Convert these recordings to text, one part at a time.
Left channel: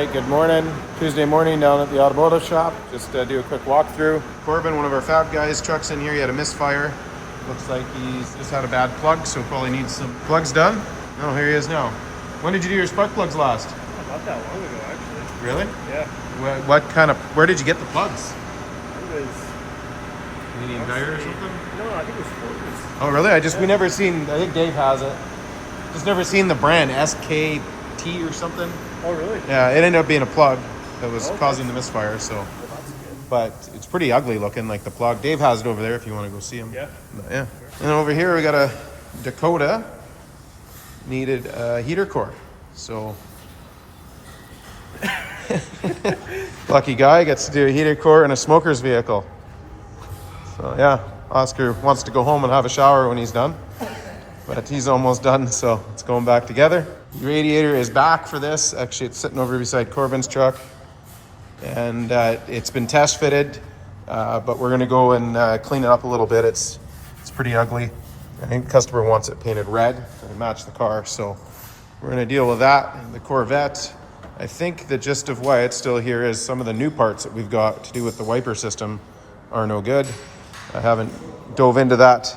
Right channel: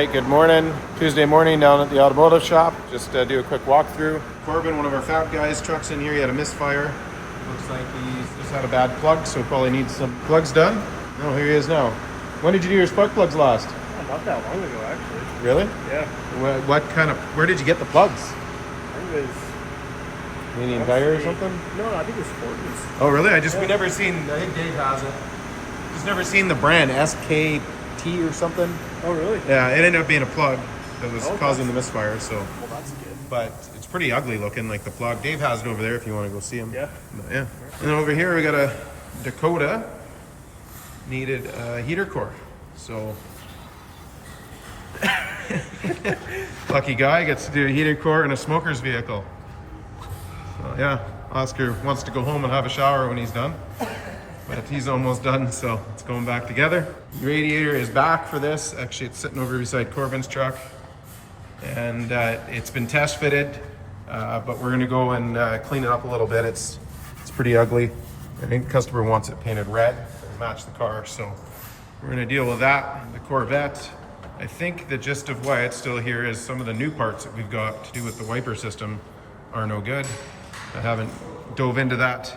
right, good morning. Tuesday morning down at the automotive shop. Just do a quick walkthrough. Corbin, one of our fab guys, truck's in here. He had a misfire. Looks like he's just had a bad plug, so probably needs some plugs done. Oh, here he is now. When did you do your spark plugs last? Not that long ago, actually. Really? Yeah. Where did you get the plugs? It was... Union Tire or something? No, I think it was Ford's. Oh, really? We never seen, I think Dave has it. Just never seen the brand, SKT or something. Oh, really? Yeah, it ended up being a plug that was causing the misfire, so. Oh, that's good. But it's pretty ugly looking, like the plug. Dave has it over there if you want to go see him. Yeah. But yeah. And over here we got a Dakota. Needed a heater core. So lucky guy gets to do a heater core in a smoker's vehicle. So yeah, Oscar wants to go home and have a shower when he's done. But he's almost done, so it's going back together. The radiator is back for this. Actually, it's sitting over beside Corbin's truck. And it's been test fitted, but we're gonna go and clean it up a little bit. It's pretty ugly. I think the customer wants it painted red to match the car, so we're gonna deal with that. The Corvette, I think the gist of why it's still here is some of the new parts that we've got to do with the wiper system are no good. I haven't dove into that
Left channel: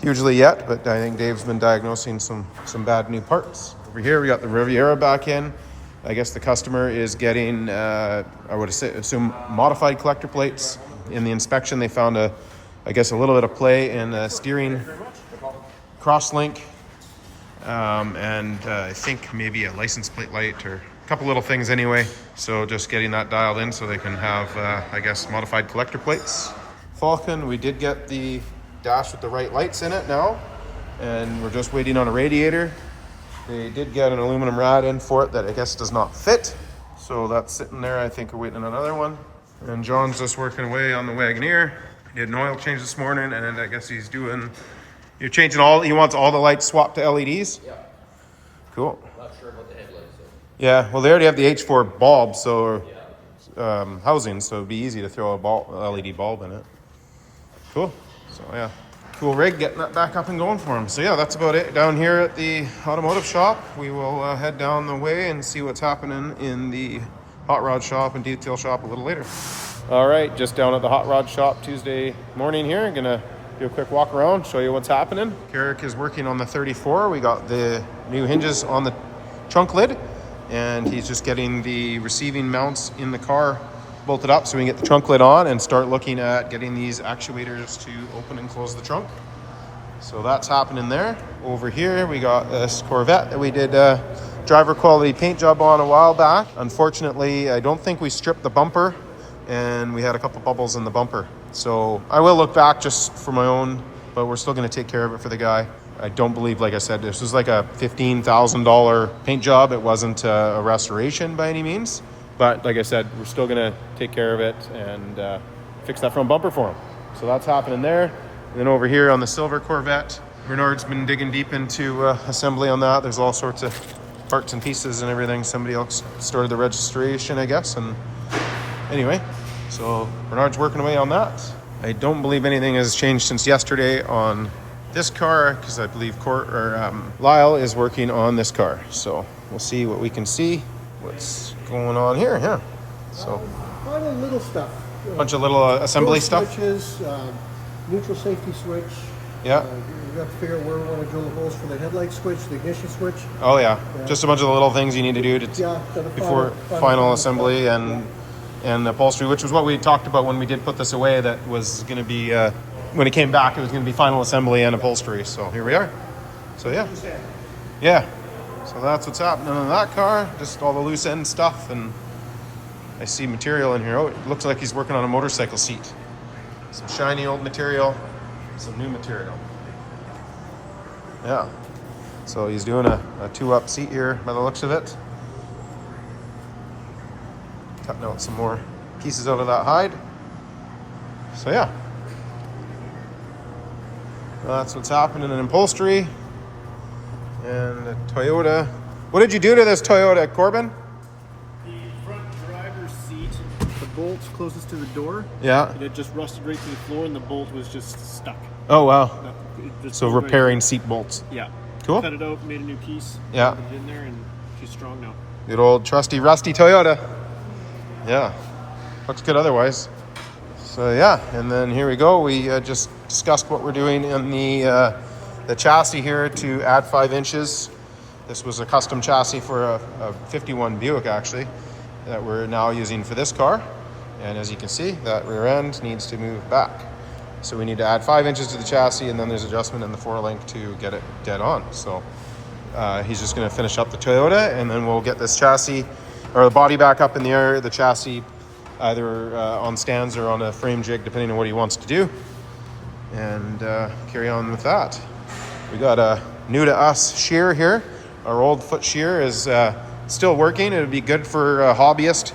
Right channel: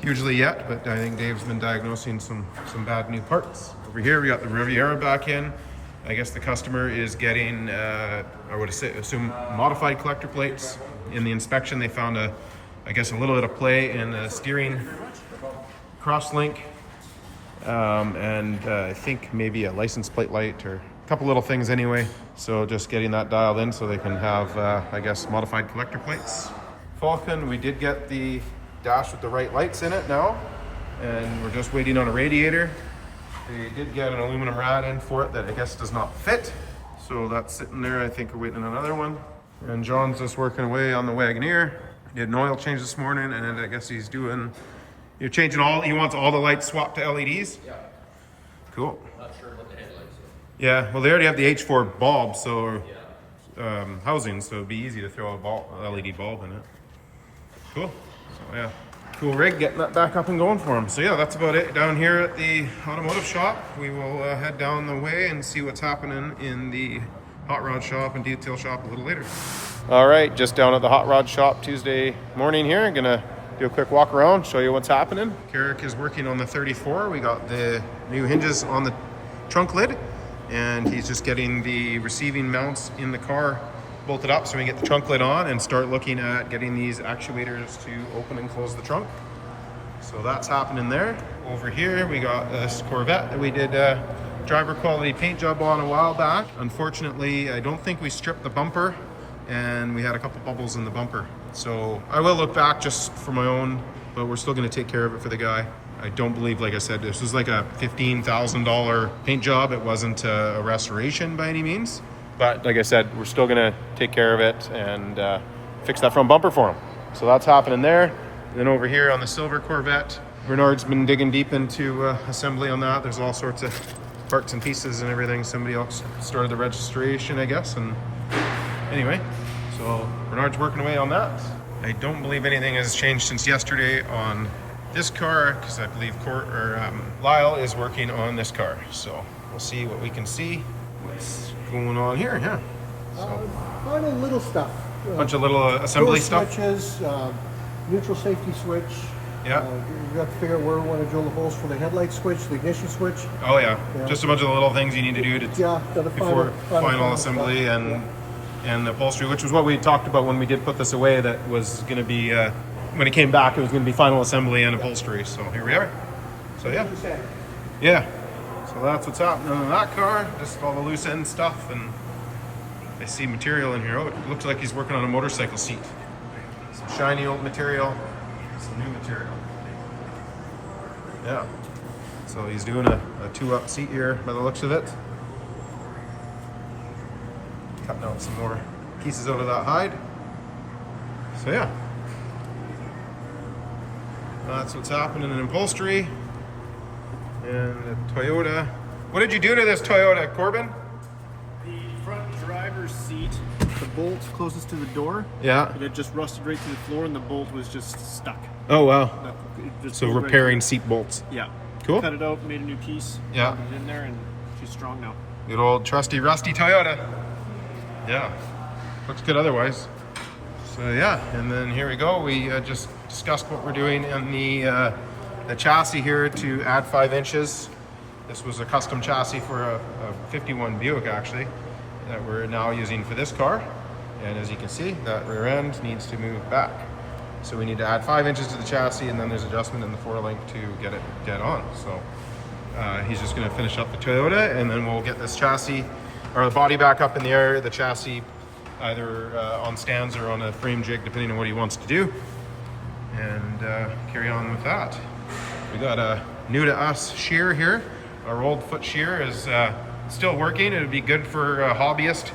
hugely yet, but I think Dave's been diagnosing some bad new parts. Over here we got the Riviera back in. I guess the customer is getting, I would assume, modified collector plates. In the inspection, they found a little bit of play in the steering crosslink, and I think maybe a license plate light or a couple little things anyway. So just getting that dialed in so they can have, modified collector plates. Falcon, we did get the dash with the right lights in it now, and we're just waiting on a radiator. They did get an aluminum rad in for it that I guess does not fit. So that's sitting there. I think we're waiting on another one. And John's just working away on the Wagoneer. He did an oil change this morning, and I guess he's doing, he wants all the lights swapped to LEDs? Yeah. Cool. I'm not sure about the headlights. So. Yeah, well, they already have the H4 bulb, so housing, so it'd be easy to throw a LED bulb in it. Cool. So yeah. Cool rig, getting that back up and going for him. So yeah, that's about it down here at the automotive shop. We will head down the way and see what's happening in the hot rod shop and detail shop a little later. All right, just down at the hot rod shop Tuesday morning here. I'm gonna do a quick walk around, show you what's happening. Carrick is working on the 34. We got the new hinges on the trunk lid, and he's just getting the receiving mounts in the car bolted up so we can get the trunk lid on and start looking at getting these actuators to open and close the trunk. So that's happening there. Over here we got this Corvette that we did driver quality paint job on a while back. Unfortunately, I don't think we stripped the bumper, and we had a couple bubbles in the bumper. So I will look back just for my own, but we're still gonna take care of it for the guy. I don't believe, like I said, this was like a $15,000 paint job. It wasn't a restoration by any means. But like I said, we're still gonna take care of it and fix that front bumper for him. So that's happening there. And then over here on the silver Corvette, Bernard's been digging deep into assembly on that. There's all sorts of parts and pieces and everything. Somebody else started the registration, I guess. And anyway, so Bernard's working away on that. I don't believe anything has changed since yesterday on this car, because I believe Lyle is working on this car. So we'll see what we can see. What's going on here? Yeah. So Finally, little stuff. bunch of little assembly stuff. Switches, neutral safety switch. Yeah. You have to figure out where we want to drill the holes for the headlight switch, the ignition switch. Oh yeah. Just a bunch of the little things you need to do before final assembly and upholstery, which was what we talked about when we did put this away. That was going to be when it came back, it was going to be final assembly and upholstery. So here we are. So yeah. So that's what's happening in that car, just all the loose end stuff, and I see material in here. Oh, it looks like he's working on a motorcycle seat. Some shiny old material, some new material. Yeah, so he's doing a 2-up seat here by the looks of it. Cutting out some more pieces out of that hide. So yeah, that's what's happening in upholstery. And the Toyota. What did you do to this Toyota, Corbin? The front driver's seat, the bolt closest to the door. Yeah. It had just rusted right through the floor, and the bolt was just stuck. Oh wow. So repairing right seat bolts. Yeah. Cool. Cut it out, made a new piece. Yeah. Put it in there, and she's strong now. Good old trusty rusty Toyota. Yeah, looks good otherwise. So yeah, and then here we go. We just discussed what we're doing in the chassis here to add 5 inches. This was a custom chassis for a 51 Buick actually that we're now using for this car. And as you can see, that rear end needs to move back. So we need to add 5 inches to the chassis, and then there's adjustment in the 4-link to get it dead on. So he's just gonna finish up the Toyota, and then we'll get this chassis, or the body back up in the air, the chassis either on stands or on a frame jig, depending on what he wants to do, and carry on with that. We got a new to us shear here. Our old foot shear is still working. It would be good for a hobbyist,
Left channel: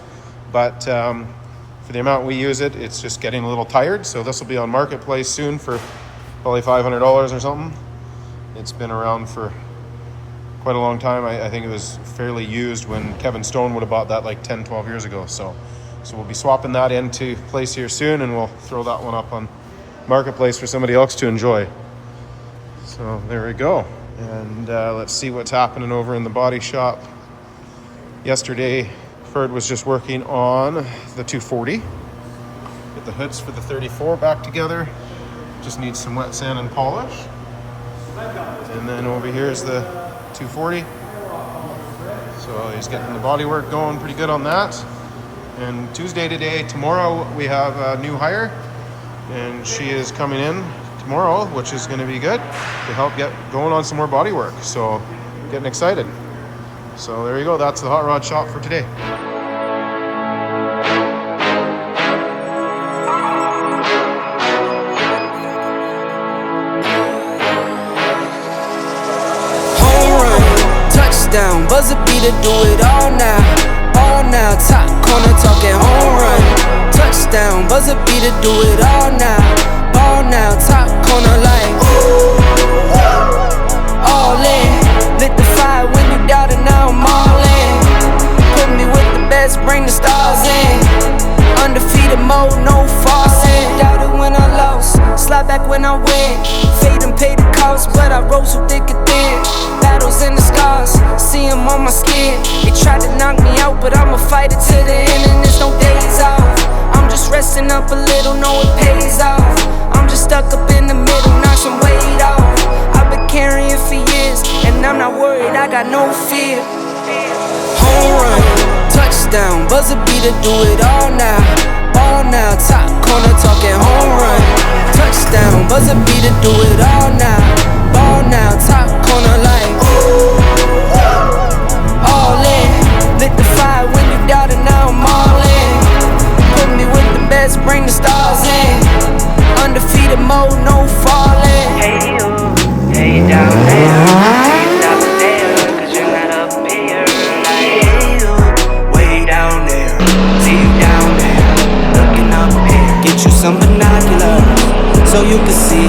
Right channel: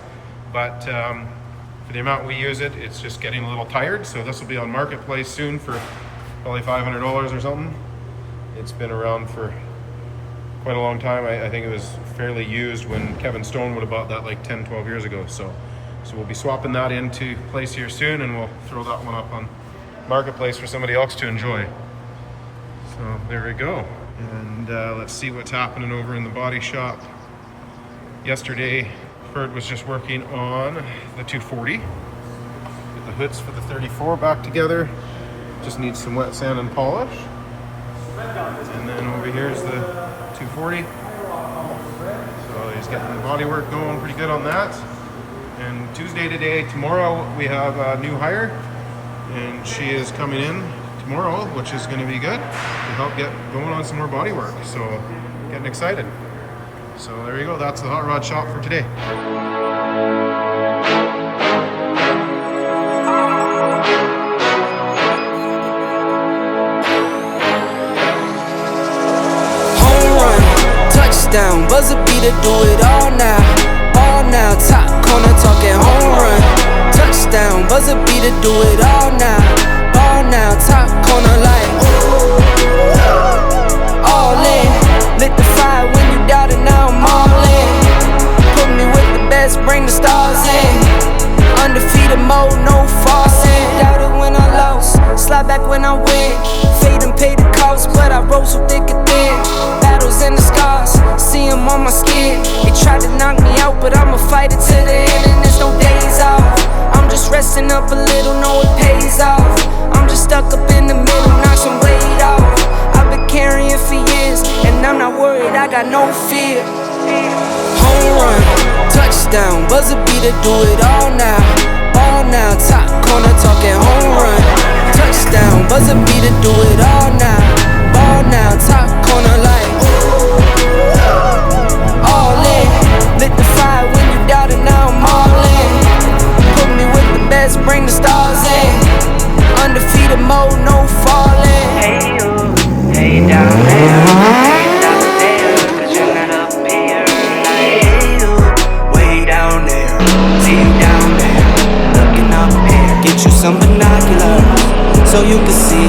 but for the amount we use it, it's just getting a little tired. So this will be on Marketplace soon for probably $500 or something. It's been around for quite a long time. I think it was fairly used when Kevin Stone would have bought that like 10, 12 years ago. So we'll be swapping that into place here soon, and we'll throw that one up on Marketplace for somebody else to enjoy. So there we go. And let's see what's happening over in the body shop. Yesterday, Ferd was just working on the 240. Get the hoods for the 34 back together. Just needs some wet sand and polish. And then over here is the 240. So he's getting the body work going pretty good on that. And Tuesday today, tomorrow we have a new hire, and she is coming in tomorrow, which is going to be good to help get going on some more body work. So getting excited. So there you go. That's the hot rod shop for today. Home run, touchdown, buzzer beater, do it all now. All now, top corner talking home run. Touchdown, buzzer beater, do it all now. Ball now, top corner like all in. Lit the fire when you doubted, now I'm all in. Put me with the best, bring the stars in. Undefeated mode, no falling. Doubted when I lost, slide back when I win. Fade and pay the cost, but I rose so thick and thin. Battles and the scars, see them on my skin. They tried to knock me out, but I'ma fight it to the end, and there's no days off. I'm just resting up a little, know it pays off. I'm just stuck up in the middle, knock some weight off. I've been carrying for years, and I'm not worried, I got no fear. Home run, touchdown, buzzer beater, do it all now. All now, top corner talking home run. Touchdown, buzzer beater, do it all now. Ball now, top corner like all in. Lit the fire when you doubted, now I'm all in. Put me with the best, bring the stars in. Undefeated mode, no falling. Hey you, hey down there, hey stop there, cause you're not up here. Like, hey you, way down there, see you down there, looking up here. Get you some binoculars so you can see.